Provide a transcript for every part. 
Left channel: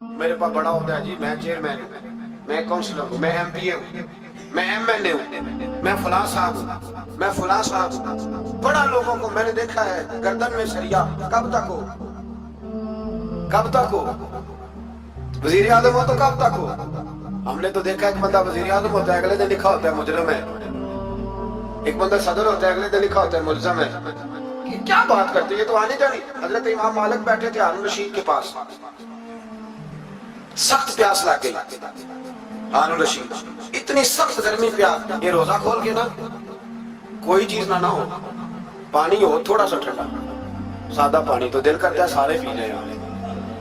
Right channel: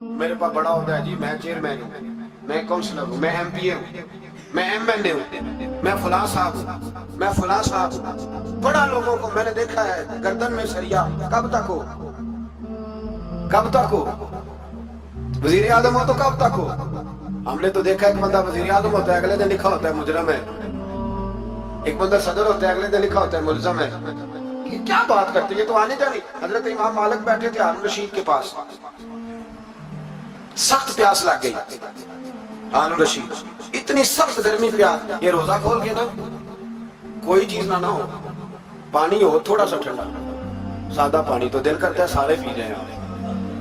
میرے پاس بڑا عہدہ ہے جی، میں چیئرمین ہوں، میں کونسلر ہوں، میں ایم پی اے ہوں، میں ایم ایل اے ہوں، میں فلاں صاحب ہوں، میں فلاں صاحب ہوں۔ بڑا لوگوں کو میں نے دیکھا ہے گردن میں سریا، کب تک ہو، کب تک ہو؟ وزیر اعظم ہو تو کب تک ہو؟ ہم نے تو دیکھا ایک بندہ وزیر اعظم ہوتا ہے اگلے دن لکھا ہوتا ہے مجرم ہے، ایک بندہ صدر ہوتا ہے اگلے دن لکھا ہوتا ہے ملزم ہے۔ کیا بات کرتے ہیں، یہ تو آنے جانی۔ حضرت امام مالک بیٹھے تھے ہارون رشید کے پاس، سخت پیاس لگ گئی ہارون رشید، اتنی سخت گرمی پیاس، یہ روزہ کھول کے نا کوئی چیز نہ ہو، پانی ہو تھوڑا سا ٹھنڈا، سادہ پانی تو دل کرتا ہے سارے پی لیں۔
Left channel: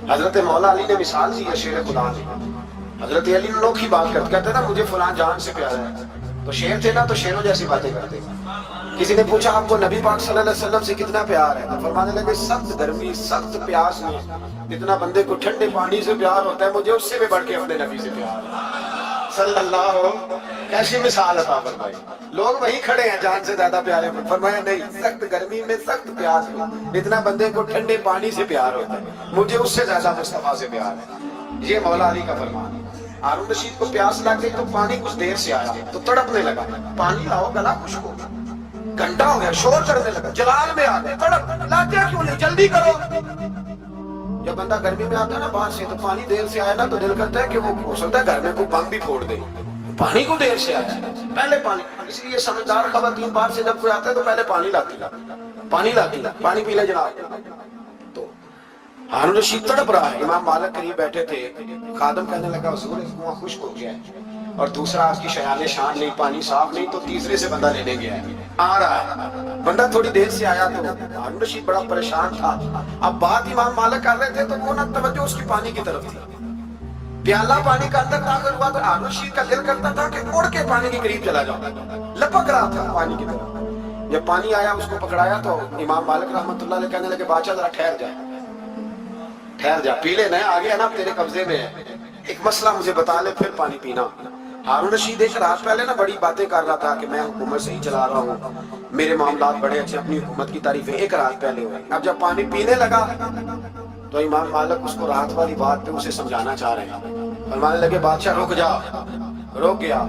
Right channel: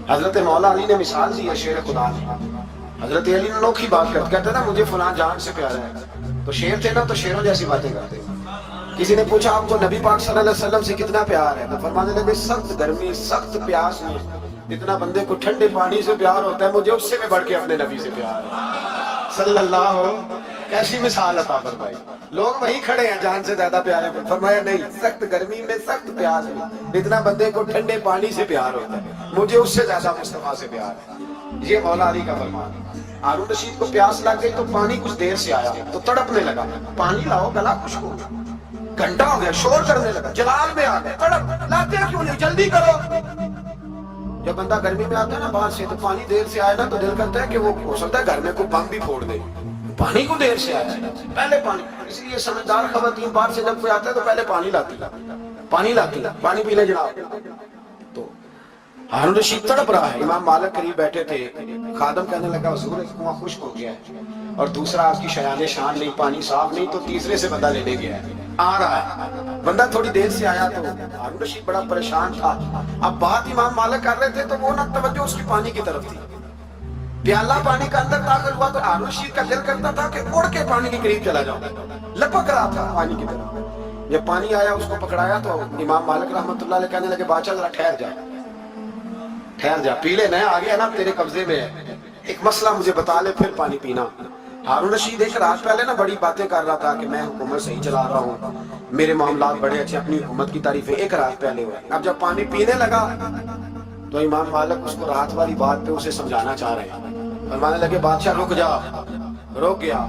حضرت مولا علی نے مثال دی ہے شیر خدا نے، حضرت علی نے انوکھی بات کرتے کہتے نا مجھے فلاں جان سے پیارا ہے، تو شیر تھے نا تو شیروں جیسی باتیں کرتے۔ کسی نے پوچھا آپ کو نبی پاک صلی اللہ علیہ وسلم سے کتنا پیار ہے، تو فرمانے لگے سخت گرمی سخت پیاس میں جتنا بندے کو ٹھنڈے پانی سے پیار ہوتا ہے مجھے اس سے بھی بڑھ کے اپنے نبی سے پیار ہے صلی اللہ ہو۔ کیسی مثال عطا فرمائی، لوگ وہیں کھڑے ہیں جان سے زیادہ پیارے میں، فرمایا نہیں، سخت گرمی میں سخت پیاس میں جتنا بندے کو ٹھنڈے پانی سے پیار ہوتا ہے مجھے اس سے زیادہ مصطفیٰ سے پیار ہے۔ یہ مولا علی کا فرمان۔ ہارون رشید کو پیاس لگ گئی تو پانی کچھ دیر سے آیا تو تڑپنے لگا، پانی لاؤ گلا خشک ہو گیا، گھنٹہ ہو گیا، شور کرنے لگا، جلال میں آ گئے، تڑپ لاتے کیوں نہیں، جلدی کرو۔ جب بندہ گرمی میں آتا ہے نا باہر سے تو پانی دیر سے آئے نا تو دل کرتا ہے کہ وہ ہو سکتا ہے گھر میں کوئی بم بھی پھوڑ دے، پانی کو دیر سے آیا ہے پہلے پانی۔ اس لیے سمجھدار خواتین باہر سے جب کوئی آتا ہے تو پہلے پانی لاتی، پانی پی لے جناب۔ تو ہارون رشید تڑپ رہا ہے، امام مالک قریب بیٹھے تھے، خادم کہنے لگا حضور اس کنواں خشک ہو گیا ہے، اور دوسرا آپ کی شیان شان نہیں، پانی صاف نہیں، تو تیسرے سے بندہ لینے گیا ہے، آ رہا ہے بندہ تھوڑی دیر سے آیا۔ تو ہارون رشید بڑا پریشان تھا، اب بات امام مالک کر رہے تھے تو وہ نہ توجہ اس کی پانی کی طرف تھی، پیالہ پانی کا اندر داخل ہوا تو ہارون رشید کا دل کرتا تھا کہ اڑ کے پانی کے قریب چلا جاؤں، لپک رہا تھا پانی کی طرف۔ جب پانی آیا اس کو پکڑایا تو امام مالک رحمۃ اللہ علیہ کہنے لگے بادشاہ ذرا ٹھہر جا، پی لے، نیا آ گیا نا تیرے قبضے میں ہے، ایک مسئلہ مجھے بتا لے پھر پانی پینا۔ ہارون رشید ایک رات پہلے نا بڑی باتیں کر رہا تھا کہ میں حکومت صحیح چلا رہا ہوں، میرے معاملات بڑے اچھے، اپنی حکومت کی تعریفیں ایک رات پہلے ہوئے۔ اب جب پانی پینے لگا تو امام مالک اس کو رات والی بات پہ اسے سمجھانا چاہ رہے ہیں، فرمانے لگے بادشاہ رک جا، رک گیا۔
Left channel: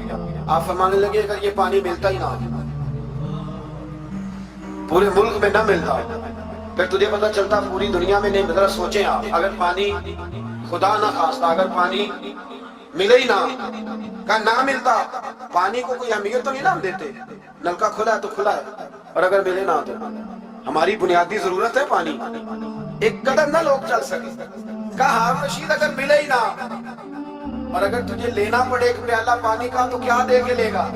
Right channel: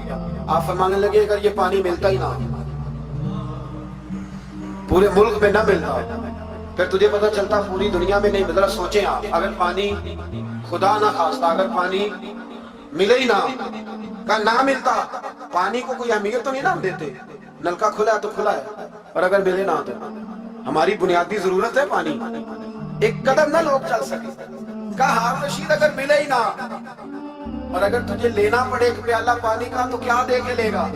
آپ فرمانے لگے اگر یہ پانی ملتا ہی نہ، پورے ملک میں نہ ملتا، پھر تجھے پتا چلتا پوری دنیا میں نہیں مل رہا، سوچیں آپ اگر پانی خدا نہ خواستہ اگر پانی ملے ہی نہ، کہا نہ ملتا، پانی کو کوئی اہمیت تو نہیں نہ ہم دیتے، نلکا کھلا ہے تو کھلا ہے، اور اگر ملے نہ تو ہماری بنیادی ضرورت ہے پانی، ایک قدم نہ لوگ چل سکے۔ کہا ہارون رشید اگر ملے ہی نہ اور اگر تجھے لینا پڑے ایک پیالہ پانی کا تو کیا دے کے لے گا؟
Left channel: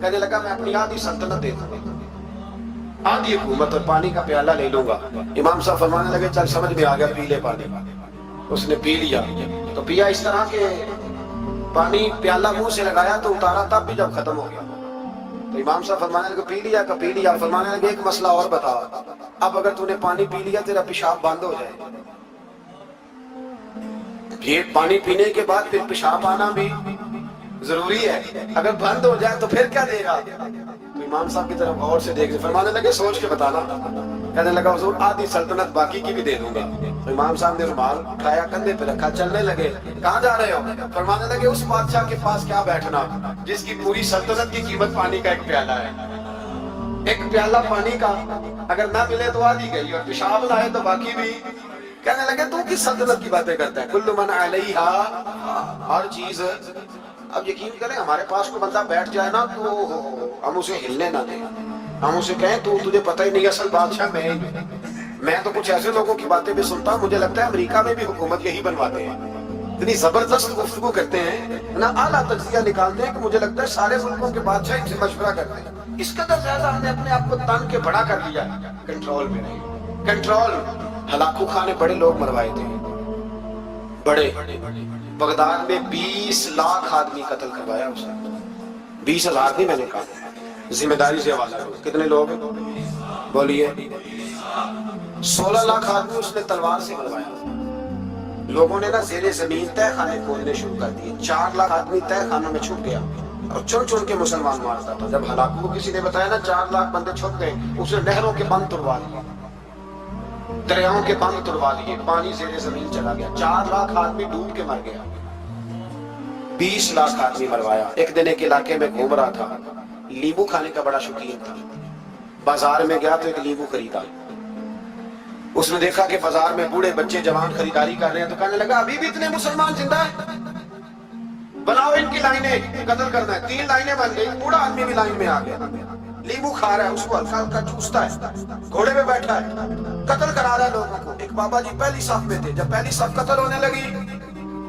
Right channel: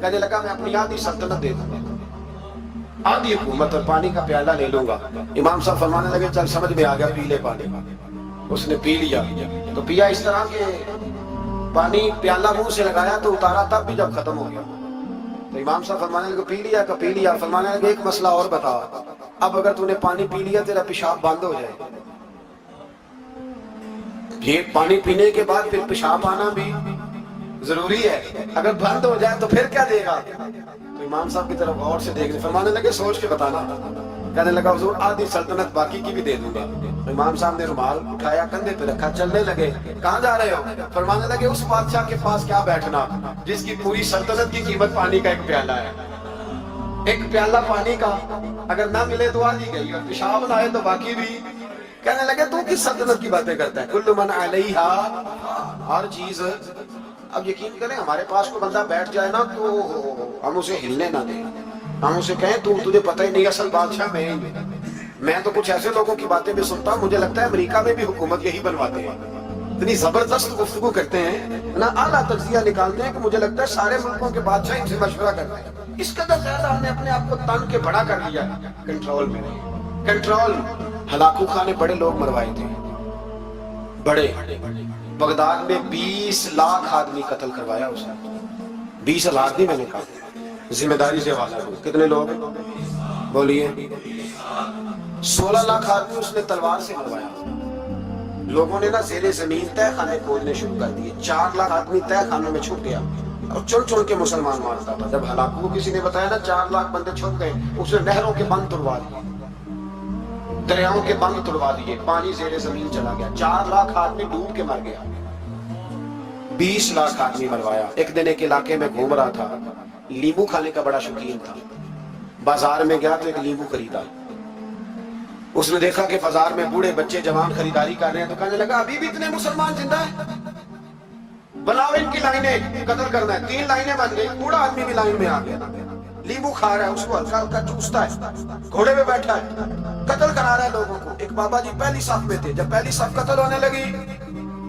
کہنے لگا میں اپنی آدھی سلطنت دے دوں گا، آدھی حکومت اور پانی کا پیالہ لے لوں گا۔ امام صاحب فرمانے لگے چل سمجھ میں آ گیا، پی لے پانی۔ اس نے پی لیا، تو پیا اس طرح کہ پانی پیالہ منہ سے لگایا تو اتارا تب بھی جب ختم ہو گیا، تو امام صاحب فرمانے لگے پی لیا کا پی لیا، فرمانے لگے ایک مسئلہ اور بتا، اب اگر تو نے پانی پی لیا تیرا پیشاب بند ہو جائے، یہ پانی پینے کے بعد پھر پیشاب آنا بھی ضروری ہے، اگر بند ہو جائے تو پھر کیا دے گا؟ تو امام صاحب کی طرف غور سے دیکھ رہے، فرمانے لگے سوچ کے بتانا۔ کہنے لگا حضور آدھی سلطنت باقی کی بھی دے دوں گا۔ تو امام صاحب نے رومال اٹھایا کندھے پہ رکھا، چلنے لگے۔ کہاں جا رہے ہو؟ فرمانے لگے اس بادشاہ کے پاس کیا بیٹھنا جس کی پوری سلطنت کی قیمت پانی کا ایک پیالہ ہے، ایک پیالہ پانی کا اگر نہ ملے تو آدھی گئی، اور پیشاب نہ آئے تو باقی بھی۔ کہنے لگے تو کس سلطنت کی باتیں کرتا ہے، کل من علیہا، ہر چیز۔ اب یقین کریں ہمارے پاس کوئی بندہ بیٹھ جائے نا تو ہم اسے ہلنے نہ دیں، ہم اسے کہیں تو تجھے پتہ ہی نہیں اصل بادشاہ میں ہی ہوں۔ میں تو کچھ ایسے لوگوں کی باتیں بھی سنتا ہوں، مجھے لگتا ہے امریکہ میں بھی حکومت یہی بنواتے ہیں، اتنی زبردست گفتگو کرتے ہیں نا، اعلیٰ تجزیہ نکالتے ہیں کہ مجھے لگتا ہے سارے ملکوں کے بادشاہ ان سے مشورہ کرتے ہیں۔ اس قدر زیادہ ہم نے اپنے آپ کو تن کے بڑا کر دیا، کنٹرول میں نہیں، کنٹرول۔ ہلاکو خانے بڑے لوگ مروائے تھے، بڑے، بغداد میں 20 لاکھ آدمی قتل کروایا اس نے، 20,000 نہیں میں نے کہا، ذمہ داری سے حوالہ دو، کتنے لوگ بولیے؟ 16 لاکھ آدمی اس نے تلوار سے مروایا۔ لوگوں نے نا زیر زمین تہ خانے کھودنے شروع کر دیے، 4 لاکھ آدمی تہ خانوں میں چھپ گیا اور چن چن کے مسلمان مارتا تھا۔ جب ہلاکو کو کسی نے بتایا نا 4 لاکھ بندے چھپ گئے، اس نے نہروں کے بند تڑوا دیے، दरियाओं के बंद तोड़वा दिए, पानी ज़ेरे ज़मीन चला गया, 4 लाख आदमी डूब के मर गया, 20 लाख आदमी मरवाया। एक दिन एक इलाके में घूम रहा था, नींबू खाने का बड़ा शौकीन था, बाजार में गया तो एक नींबू खरीदा। उसने देखा कि बाजार में बूढ़े बच्चे जवान खरीदारी कर रहे हैं, तो कहने लगा अभी भी इतने मुसलमान जिंदा हैं, बनाओ इनकी लाइनें, कत्ल करना है। 3 लाइनें बन गई, बूढ़ा आदमी भी लाइन में आ गया, नींबू खा रहा है, उसको हल्का हल्का चूसता है, घोड़े पे बैठा है, कत्ल करा रहा है लोगों को। एक बाबा जी पहली साफ में थे, जब पहली साफ कत्ल होने लगी,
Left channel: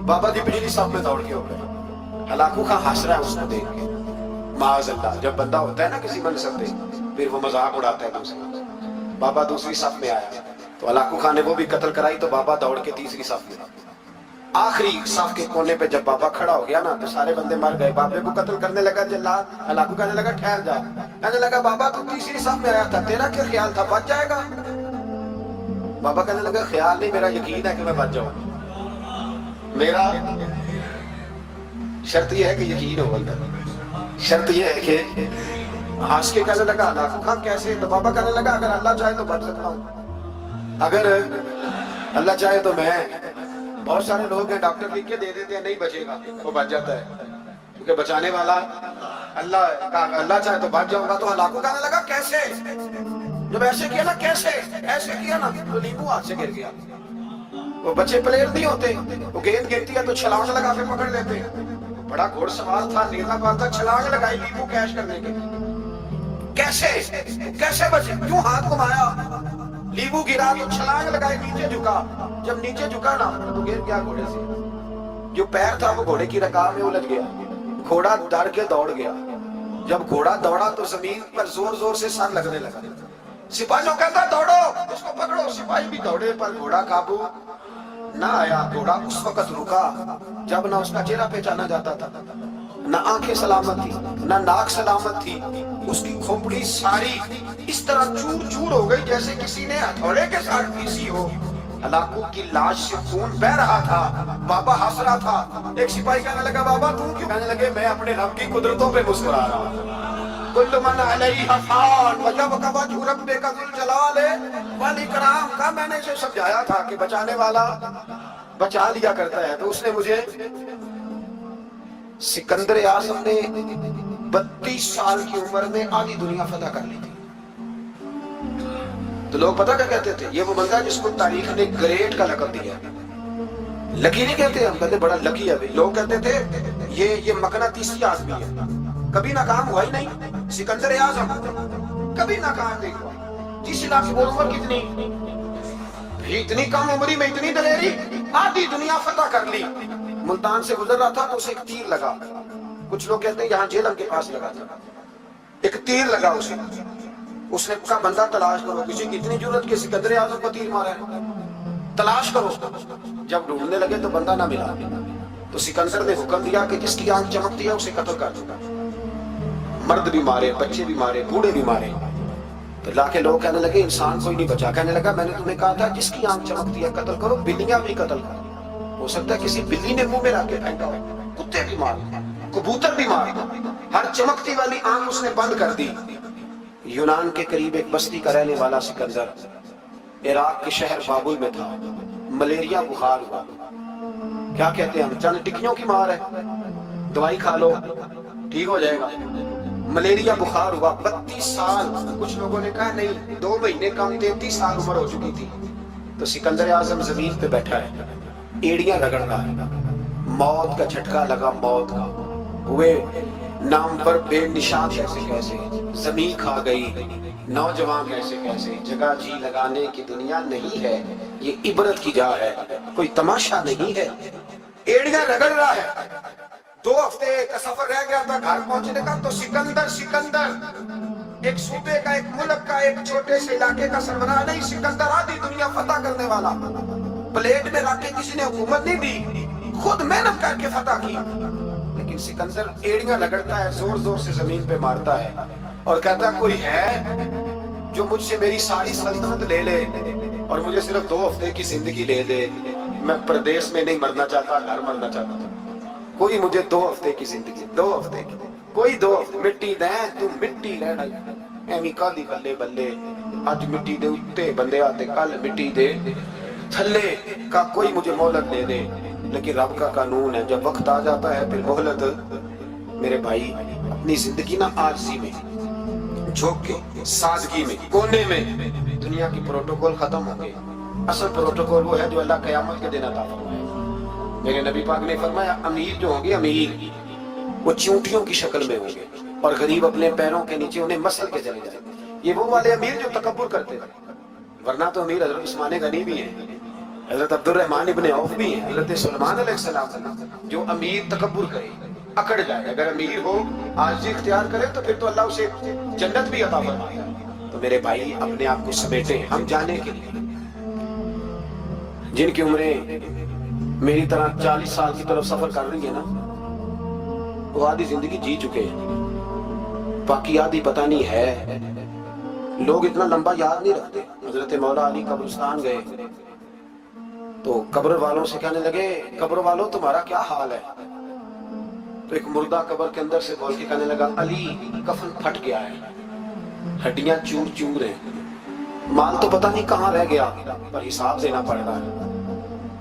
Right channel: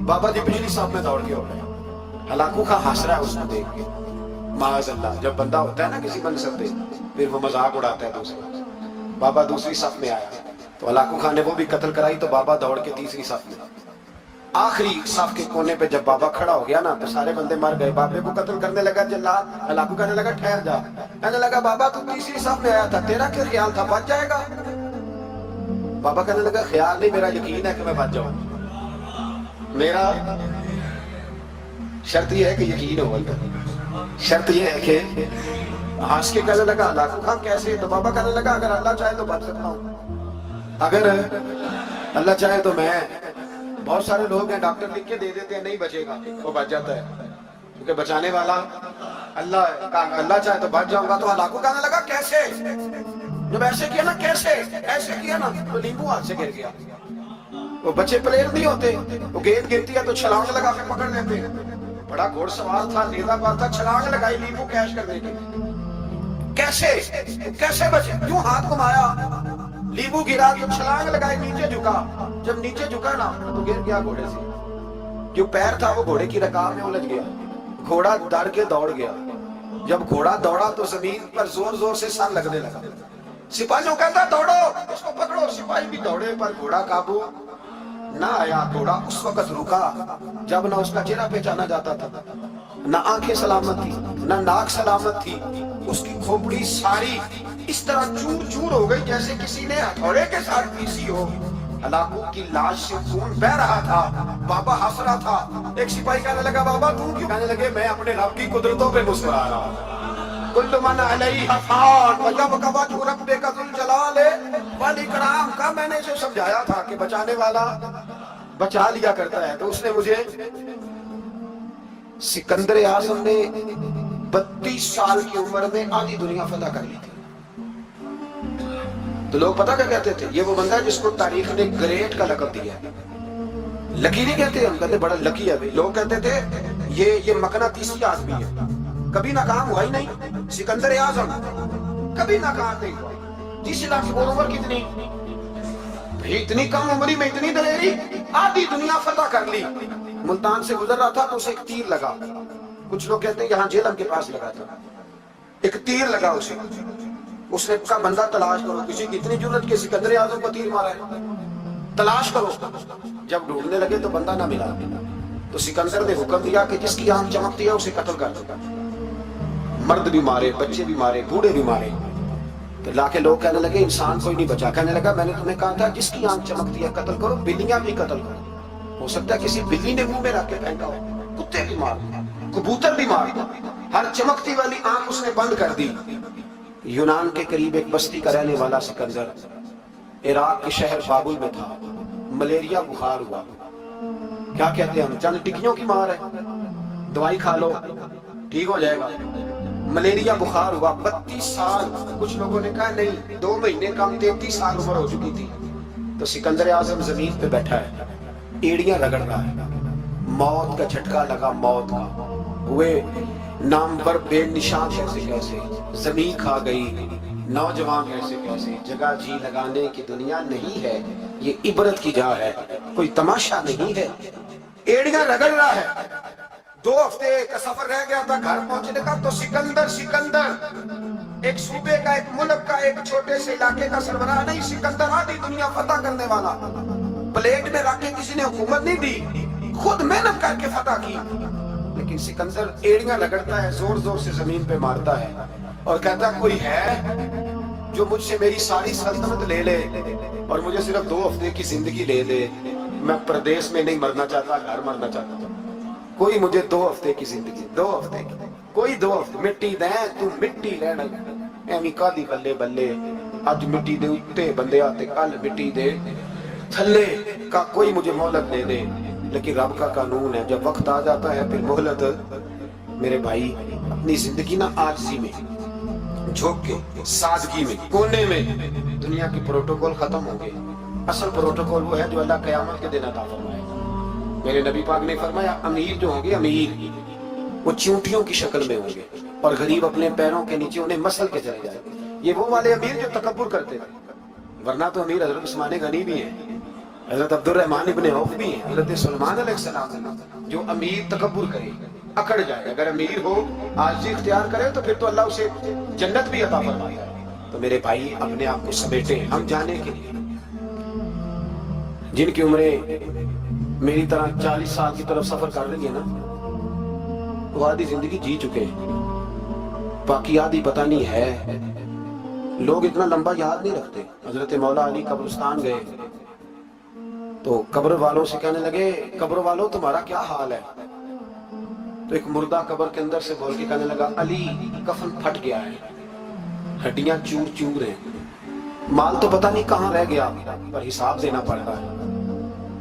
बाबा जी पिछली साफ में दौड़ के हो गए। हलाकू खां हंस रहा है उसको देख के। माअज़ल्लाह, जब बंदा होता है ना किसी मनसब पे, फिर वो मजाक उड़ाता है दूसरे। बाबा दूसरी साफ में आया तो हलाकू खां ने वो भी कत्ल कराई, तो बाबा दौड़ के तीसरी साफ में। आखिरी साफ के कोने पे जब बाबा खड़ा हो गया ना, तो सारे बंदे मर गए। बाबे को कत्ल करने लगा जल्लाद, हलाकू कहने लगा ठहर जा। कहने लगा बाबा तू तीसरी साफ में आया था, तेरा क्या ख्याल था बच जाएगा? बाबा कहने लगा ख्याल नहीं, मेरा यकीन है कि मैं बच जाऊं। मेरा शर्त यह है कि यकीन हो अंदर, शर्त यह है कि हंस के कहने लगा हलाकू खां कैसे? तो बाबा कहने लगा अगर अल्लाह चाहे तो बच सकता हूं, अगर अल्लाह चाहे तो मैं। बहुत सारे लोग हैं डॉक्टर लिख के दे देते हैं नहीं बचेगा, वो बच जाता है, क्योंकि बचाने वाला अल्लाह। अल्लाह चाहे तो बच जाऊंगा। तो हलाकू कहने लगा कैसे? जब ऐसे किया ना, कैसे ऐसे किया ना, तो नींबू हाथ से गिर गया। वो बच्चे प्लेयर नहीं होते, वो गेंद गिरती है तो छलांग लगा के पकड़ लेते। बड़ा घोड़सवार था, नेता था, छलांग लगाई नींबू कैच करने के। कैसे कैसे बचे? क्यों हाथ घुमाया, नींबू गिरा तो छलांग लगाई, नीचे झुका। जब नीचे झुका ना तो गिर गया घोड़े से। जो पैर था वो घोड़े की रकाब में उलझ गया, घोड़ा डर के दौड़ गया। जब घोड़ा दौड़ा तो जमीन पर जोर जोर से सर लगने लगा। सिपाहियों कहता दौड़ो, इसको पकड़ो। सिपाही भी दौड़े पर घोड़ा काबू ना आया। घोड़ा उस वक्त रुका जब ना उसका चेहरा पहचाना जाता था, ना आंखें सलामत थी, ना नाक सलामत थी। उसकी खोपड़ी सारी इस तरह चूर चूर हो गई जैसे किसी ने हथौड़े के साथ पीसी हो। हलाकू की लाश से खून बह रहा था, बाबा हंस रहा था। एक सिपाही कहने लगा बाबा तू क्यों? कहने लगे मैं अपने रब की कुदरतों पे मुस्कुरा रहा हूं। कुल्लु मन अलैहा फान वजब वजहु रब्बिका ज़ुल जलाल वल इकराम का मैंने इसे समझाया था कि बचाने वाला बचा लिया करता है। तो उसने मुझे, सिकंदर आज़म ने 32 साल की उम्र में आधी दुनिया फतह कर ली थी। तो लोग पता क्या कहते थे? ये वो बंदा है जिसको तारीख ने ग्रेट का लक़ब दिया। लकी नहीं कहते, हम कहते बड़ा लकी है। लोग कहते थे ये मकनातीसी आदमी है, कभी नाकाम हुआ ही नहीं। सिकंदर आज़म कभी नाकाम नहीं हुआ। 30 लाख की उम्र कितनी, इतनी कम उम्र में इतनी दलेरी, आधी दुनिया फतह कर ली। मुल्तान से गुजर रहा था तो उसे एक तीर लगा। कुछ लोग कहते हैं यहाँ झेलम के पास लगा था, एक तीर लगा उसे। उसने कहा बंदा तलाश करो, किसी की इतनी जरूरत कि सिकंदर आज़म को तीर मारा है, तलाश करो। जब ढूंढने लगे तो बंदा ना मिला, तो सिकंदर ने हुक्म दिया कि जिसकी आंख चमकती है उसे कत्ल कर दूंगा। मर्द भी मारे, बच्चे भी मारे, बूढ़े भी मारे। तो लाके लोग कहने लगे इंसान कोई नहीं बचा। कहने लगा मैंने तुम्हें कहा था जिसकी आंख चमकती है कत्ल करो, बिल्लियां भी कत्ल करो। हो सकता है किसी बिल्ली ने मुंह में रख के फेंका हो, कुत्ते भी मार, कबूतर भी मार, हर चमकती वाली आंख उसने बंद कर दी। यूनान के करीब एक बस्ती का रहने वाला सिकंदर इराक के शहर बाबुल में था। मलेरिया बुखार हुआ, क्या कहते हैं हम, चंद टिक्कियों की मार है, दवाई खा लो ठीक हो जाएगा। मलेरिया बुखार हुआ, 32 साल। कुछ लोगों ने कहा नहीं 2 महीने कम, 33 साल उम्र हो चुकी थी। तो सिकंदर आज़म जमीन पे बैठा है, एड़ियां रगड़ रहा है, मौत का झटका लगा, मौत का। हुए नाम पर बेनिशान कैसे कैसे, जमीन खा गई, नौजवान कैसे कैसे। जगह जी लगाने की दुनिया नहीं है, ये इबरत की जा है, कोई तमाशा नहीं है। एड़ियां रगड़ रहा है। 2 हफ्ते का सफर रह गया था घर पहुंचने का। तो सिकंदर एक सूबे का, एक मुल्क का, एक छोटे से इलाके का सरबराह नहीं। सिकंदर आधी दुनिया फतह करने वाला। प्लेट में रख के किसी ने हुकूमत नहीं दी, खुद मेहनत करके फतह की। लेकिन सिकंदर एड़ियां रगड़ता है, जोर जोर से जमीन पे मारता है और कहता कोई है जो मुझसे मेरी सारी सल्तनत ले ले और मुझे सिर्फ 2 हफ्ते की जिंदगी ले दे। मैं प्रदेश में नहीं मरना चाहता, घर मरना चाहता था। कोई मुझे 2 हफ्ते की जिंदगी, 2 हफ्ते की, कोई 2 हफ्ते मिट्टी दे, तू मिट्टी रहना। ਐਵੇਂ ਕਾਦੀ ਬੱਲੇ ਬੱਲੇ ਅੱਜ ਮਿੱਟੀ ਦੇ ਉੱਤੇ ਬੰਦਿਆ ਤੇ ਕੱਲ ਮਿੱਟੀ ਦੇ थल्ले का कोई मुझे मोहलत दे दे, लेकिन रब का कानून है जब वक्त आ जाता है फिर मोहलत। मेरे भाई अपनी जिंदगी ना आरसी में, झोंक के, सादगी में, कोने में दुनिया की प्रोटोकॉल खत्म होंगे। असल प्रोटोकॉल वो है जो अल्लाह कयामत के दिन अता फरमाएगा। मेरे नबी पाक ने फरमाया अमीर जो होंगे अमीर वो चींटियों की शक्ल में होंगे और गरीब अपने पैरों के नीचे उन्हें मसल के चले जाएंगे। ये वो वाले अमीर जो तकब्बुर करते थे, वरना तो अमीर हजरत उस्मान गनी भी हैं, हजरत अब्दुर्रहमान इब्ने औफ भी हैं, हजरत सुलेमान अलैहिस्सलाम। जो अमीर तकब्बुर करे, अकड़ जाए, अगर अमीर हो आजी इख्तियार करे तो फिर तो अल्लाह उसे जन्नत भी अता फरमाता है। तो मेरे भाई अपने आप को समेटे हम जाने के लिए। जिनकी उम्रें मेरी तरह 40 साल की तरफ सफर कर रही है ना, वो आधी जिंदगी जी चुके हैं, बाकी आधी पता नहीं है। लोग इतना लंबा याद नहीं रखते। हजरत मौला अली कब्रिस्तान गए तो कब्र वालों से कहने लगे, कब्र वालों तुम्हारा क्या हाल है? तो एक मुर्दा कब्र के अंदर से बोल के कहने लगा, अली कफन फट गया है, हड्डियां चूर चूर हैं, माल तो पता नहीं कहाँ रह गया, पर हिसाब देना पड़ रहा है।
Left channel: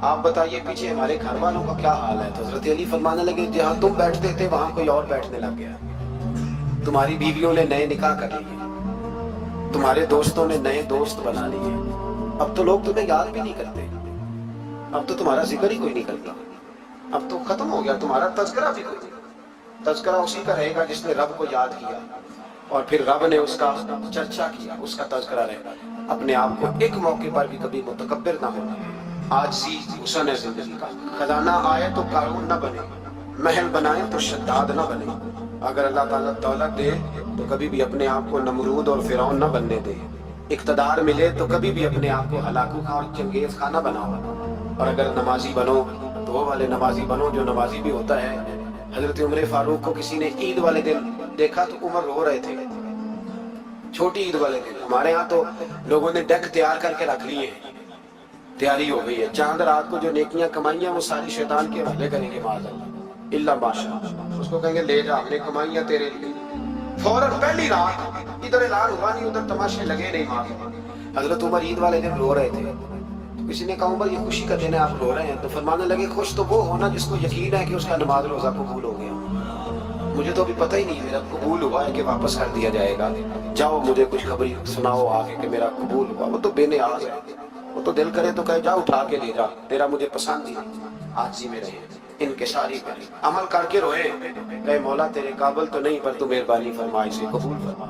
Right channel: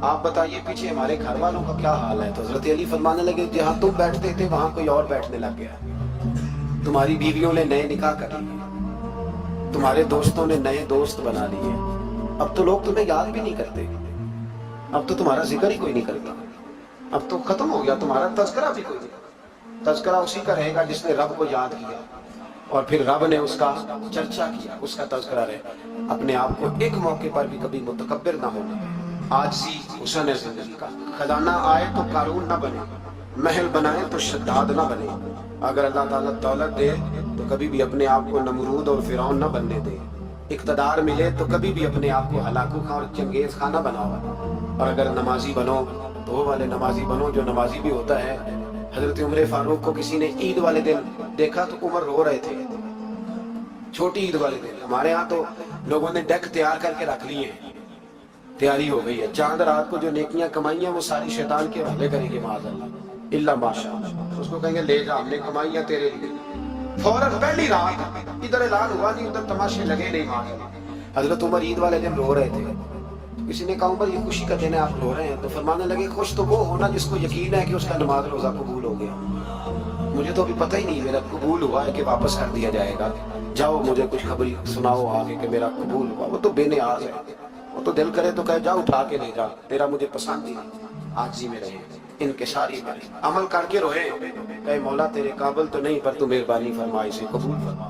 आप बताइए पीछे हमारे घर वालों का क्या हाल है? तो हजरत अली फरमाने लगे, जहां तुम बैठते थे वहां कोई और बैठने लग गया, तुम्हारी बीवियों ने नए निकाह कर लिए, तुम्हारे दोस्तों ने नए दोस्त बना लिए, अब तो लोग तुम्हें याद भी नहीं करते, अब तो तुम्हारा जिक्र ही कोई नहीं करता, अब तो खत्म हो गया तुम्हारा तज़किरा भी कोई नहीं। तज़किरा उसी का रहेगा जिसने रब को याद किया और फिर रब ने उसका चर्चा किया, उसका तज़किरा रहे। अपने आप को एक मौके पर भी कभी मुतकब्बिर ना होना। आजी हुस्न है जिंदगी का, खजाना आए तो कारून ना बने, महल बनाए तो शद्दाद ना बने। अगर अल्लाह ताला दौलत दे तो कभी भी अपने आप को नमरूद और फिरौन न बनने दे। इक़्तिदार मिले तो कभी भी अपने आप को हलाकू खा और चंगेज खा ना बनाओ। और अगर नमाजी बनो तो वो वाले नमाजी बनो जो नमाजी भी होता है। हजरत उमर फारूक को किसी ने ईद वाले दिन देखा तो उमर रो रहे थे, छोटी ईद वाले दिन। हमारे यहाँ तो लोगों ने डेक तैयार करके रख लिए, तैयारी हो गई है। चांद रात को जो नेकियां कमाई हैं वो सारी शैतान के हवाले करेंगे, माज़अल्लाह इल्ला माशा। उसको कहेंगे ले जा, हमने कमाइयां तेरे लिए। फौरन पहली रात इधर ऐलान हुआ नहीं, उधर तमाशे लगे नहीं। माँ हजरत उमर ईद वाले दिन रो रहे थे। किसी ने कहा उमर ये खुशी का दिन है, आप रो रहे हैं? तो फरमाने लगे खुश तो वो होना जिसको यकीन है कि उसका नमाज रोजा कबूल हो गया। मुझे तो अभी पता ही नहीं मेरा कबूल हुआ है कि वापस कर दिया जाएगा। जाओ मुझे कुछ खबरी सुनाओ आगे कि मेरा कबूल हुआ। वो तो बेनियाज है, वो तो दिल करे तो कहे जा उठा के ले जा, तेरा मुझे पसंद ही नहीं। आजी में रहे, इनके सारी में अमल करके रोए, कहे मौला तेरे काबिल तो नहीं पर तू मेहरबानी फरमा, इसे कबूल फरमा।